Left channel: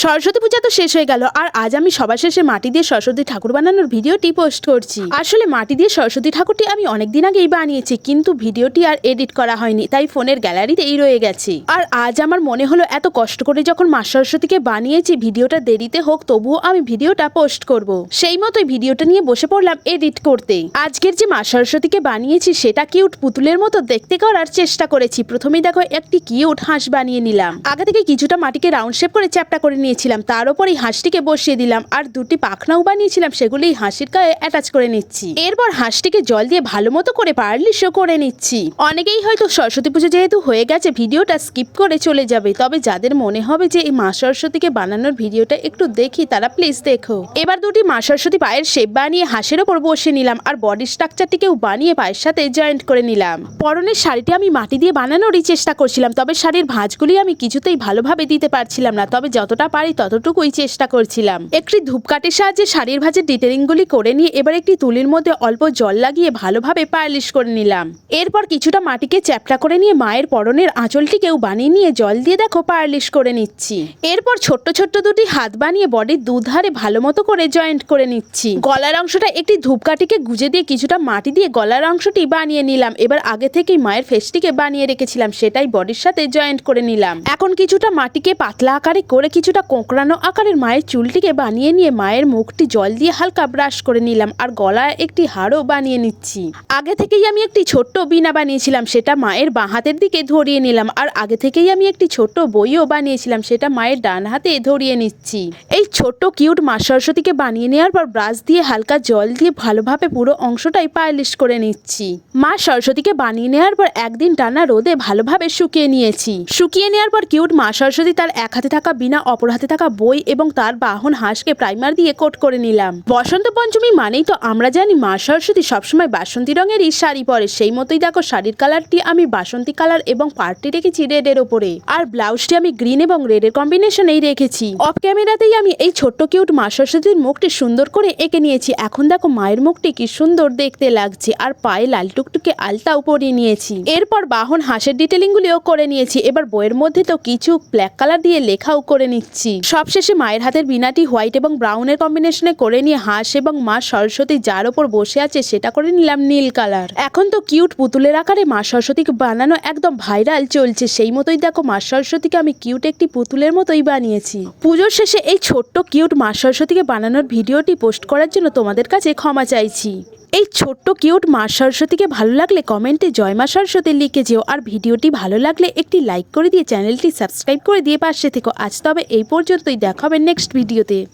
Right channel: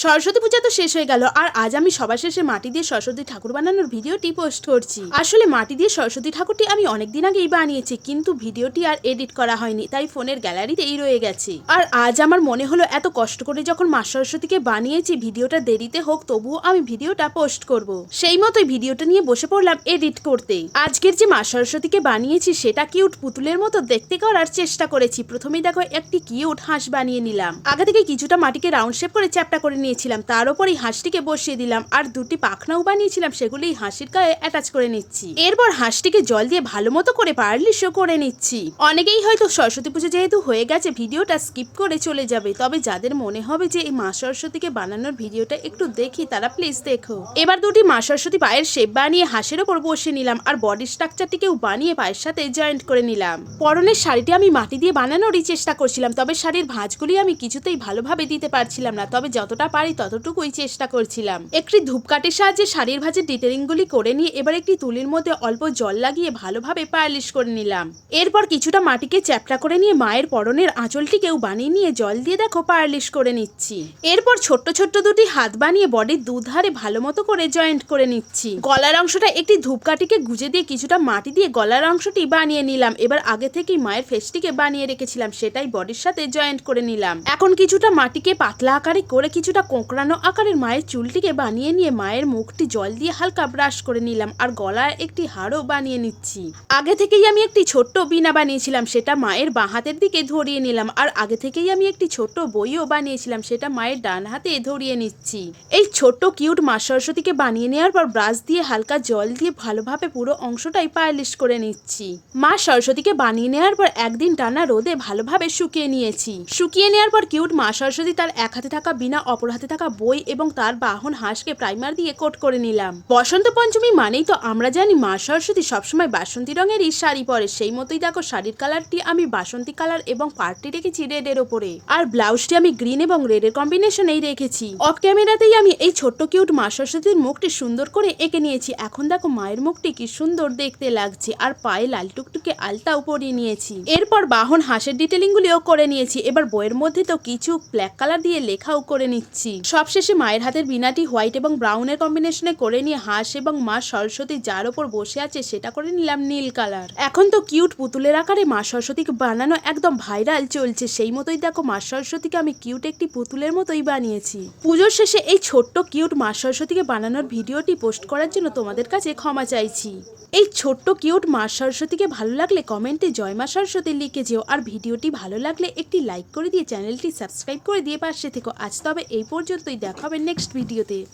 সরস্বতী পূজা তো শেষ হয়ে গেল, আর আজ আমি সবার শেষে মাটি দিয়ে সরস্বতী ঠাকুর বানানোর ভিডিওটি পোস্ট করছি। আসলে মাটি দিয়ে সরস্বতী ঠাকুরটি আমি অনেকদিন আগেই বানিয়েছি, কিন্তু ভিডিওটি আর এডিট করা হয়নি, তাই ফোনের গ্যালারিতেই রয়ে গেছে। আর আজ আমার মনে হলো এত কষ্ট করে যখন মা সরস্বতীকে বানিয়েছি, ভিডিওটা দেরিতে হোক, তবুও আমি ভিডিওটা পোস্ট করব। সেই মতোই ভিডিওটা নিয়ে বসে পড়লাম এডিট করতে আজকের যে মা সরস্বতীকে বানিয়েছি, সেটা কিউট পুতুলের মতো দেখতে করার চেষ্টা করেছি। প্রথমেই দেখো একটি কিউট হাঁস বানিয়ে নিলাম। আগে থেকে কিছুটা মাটিকে রাউন্ড শেপ করে চ্যাপটা করে নিয়েছিলাম তার উপরই হাঁসটিকে বসিয়ে দিলাম আর দুটি পাখনাও বানিয়েছিলাম সেগুলি এই হাঁসির গায়ে অ্যাটাচ করে নিচ্ছি। এরপর হাঁসটিকে জল দিয়ে ভালো মতো করে পারলিশও করে নিচ্ছি। অনেকেই হয়তো সরস্বতী পুজো যেহেতু হয়ে গেছে, ভিডিওটা স্কিপ করে চলে যাবে। তবে যাদের মনে হবে যে এই মা সরস্বতীকে বানানোর ভিডিওটা একটু দেখি, তারা প্লিজ দেখো। এবার দুটি মা সরস্বতী পায়ের শেপ বানিয়ে হাঁসের ওপর বসে নিলাম আর বডি স্ট্রাকচারটিকেও বানিয়ে পায়ের সাথে জয়েন্ট করে নিলাম। পরনের শাড়িটি আমি মাটি দিয়ে বানানোরই চেষ্টা করছিলাম, তবে শাড়ির ভাঁজগুলি আমি কিছুতেই ভালোভাবে দিতে পারছিলাম না। তবে যতটা পারি ততটুকুই চেষ্টা করছিলাম। একটি ধূপকাঠির সাহায্যে শাড়ির ভাঁজের ডিটেলিংগুলি করে নিয়ে এবার একটি তুলির মধ্যে অল্প জল লাগিয়ে ভালোভাবে পালিশ করে নিলাম। এরপর কিছুটা মাটিকে চ্যাপটা করে নিয়ে মায়ের পরনের আঁচলটিকেও বানিয়ে নিয়ে জল দিয়ে দেখো পালিশ করে নিচ্ছি। এরপর ছোট্ট ছোট্ট দুটি হাত বানিয়ে বডির দুধারে ভালো মতো করে জয়েন্ট করে নিচ্ছি। গলার অংশটা একটি ধূপকাঠিকে গুজে দিয়ে কিছুটা মাটি দিয়ে গলার অংশটি বানিয়ে নিলাম। এবার আগে থেকেই মায়ের ফেসটিকে বানিয়ে রেখেছিলাম, সেটাই বডির সাথে জয়েন্ট করে নিলাম। এখন কিছুটা মাটিকে পাতলা আকারে করে কিছুটা কোঁকড়ানো আকারের মায়ের চুলটিকে বানিয়ে নিয়ে মায়ের মুখটি জল দিয়ে হালকা ব্রাশ করে নিলাম আর গলায় একটি হাড়ও বানিয়ে নিচ্ছি। আগে থেকেই আমি একটি ছোট্ট বিনা বানিয়েছিলাম, সেটা মায়ের বাঁ হাতের দিকে ধরিয়ে নিলাম আর আগে থেকেই আমি একটি ছোট্ট বইও বানিয়েছিলাম, সেটা মায়ের ডান হাতে ধরিয়ে নিচ্ছি। এই ছোট্ট কিউট মা সরস্বতীকে বানিয়ে নেওয়ার পর ব্রাশ দিয়ে হালকা জল দিয়ে ভালোভাবে পুরো অংশটাই পালিশ করে নিচ্ছি। মা সরস্বতীকে বানিয়ে নেওয়ার পর একদিন টানা রোদে ভালোভাবে শুকিয়ে নিয়েছি। শুকিয়ে নেওয়ার পর কিউট মা সরস্বতী তার এক হাতে থাকা বিনা অপর হাতে থাকা বই এবং তার বাহন হাঁসকে প্রাইমার দিয়ে কোট করে নিলাম। বসন্ত পঞ্চমী মানেই তো আমরা জানি মা সরস্বতী সবসময় বাসন্তী রঙেরই শাড়ি পরে। সেই মতোই দেখো শাড়ির কালারটি আমি বাসন্তী কালার এবং পার্টি রেখেছি রেডের ওপরে আর ব্লাউজটি আমি গ্রিন এবং রেডের কম্বিনেশনেই রেখেছি। অফ ক্যামেরাতেই আমি এই ছোট্ট কিউট মা সরস্বতীর মুখটি সুন্দর করে এঁকে নিয়েছি। এখন দেখো মায়ের মুখটি কি সুন্দর দেখতে লাগছে। আর পায়ে লাল টুকটুকে আলতাও পরিয়ে নিয়েছি। এরপর বাহন হাঁসের ডিটেলিংগুলিও করে নিয়েছি। এবার বইয়ের মধ্যে তো কিছু ব্ল্যাক কালার দিয়ে লেখাও করে নিচ্ছি সবশেষে মায়ের হাতের বিনাটি হোয়াইট এবং ব্রাউনের কম্বিনেশনে করে নিয়ে হাঁস এবং মা সরস্বতী যার ওপর বসে আছে সেটা করে নিলাম নীল কালার। এখন তো কিউট পুতুলের আকারে মা সরস্বতীকে বানানো একদম ভাইরাল চলছে। সেই মতোই দেখো মা সরস্বতীকে আমি কিউট একটি পুতুলের মতোই বানিয়েছি। পুজোর শেষে এই ছোট্ট কিউট মা সরস্বতীকে বানানোর ভিডিওটি পোস্ট করার জন্য তোমাদের কাছে ক্ষমা চাইছি। এই ছোট্ট কিউট মা সরস্বতীকে ভালো লাগলে কমেন্টে জয় মা সরস্বতী লিখে যেও, আর ভিডিওটি ভালো লাগলে একটি লাইক করে দিয়ে চ্যানেলটি সাবস্ক্রাইব করে দিয়ে পাশে থেকো। আজ তবে এই পর্যন্তই, দেখা হবে নেক্সট ভিডিওতে।